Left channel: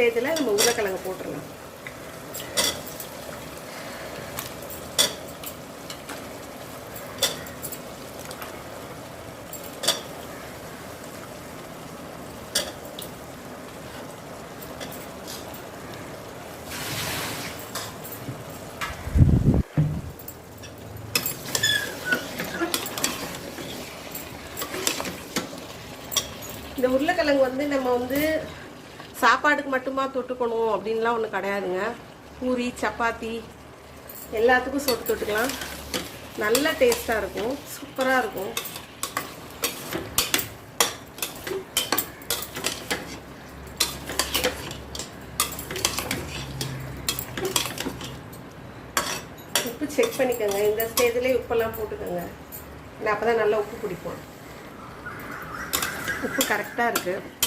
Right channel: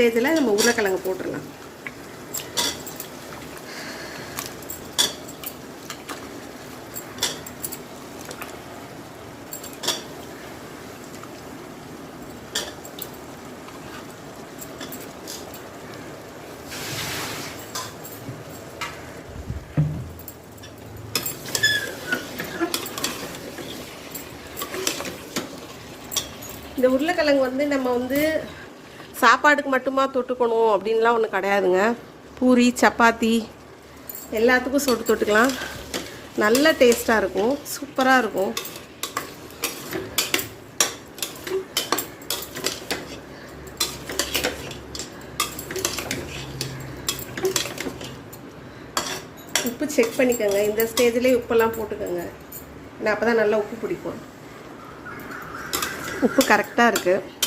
ஸ்டேஜில் நம்ம உருளைக்கிழங்கு போட்டுடலாம். இந்த உருளைக்கிழங்கு நம்ம சாப்பாடுக்கு மட்டுமா தொட்டுக்கணும் அப்படின்லாம் ஒன்றும் கிடையாதுங்க. பூரி, சப்பாத்தி எல்லாத்துக்கும் தொட்டுக்கலாம். நல்ல டேஸ்ட்டாக இருக்கும், சூப்பராக இருக்கும். உப்பு செக் பண்ணிக்கோங்க. இந்த ஸ்டேஜ்லேயே உப்பெல்லாம் போட்டுக்கோங்க. அப்போ தான் நல்லா உப்பு பிடிக்கும். உப்பு கரெக்டாக இருக்குது.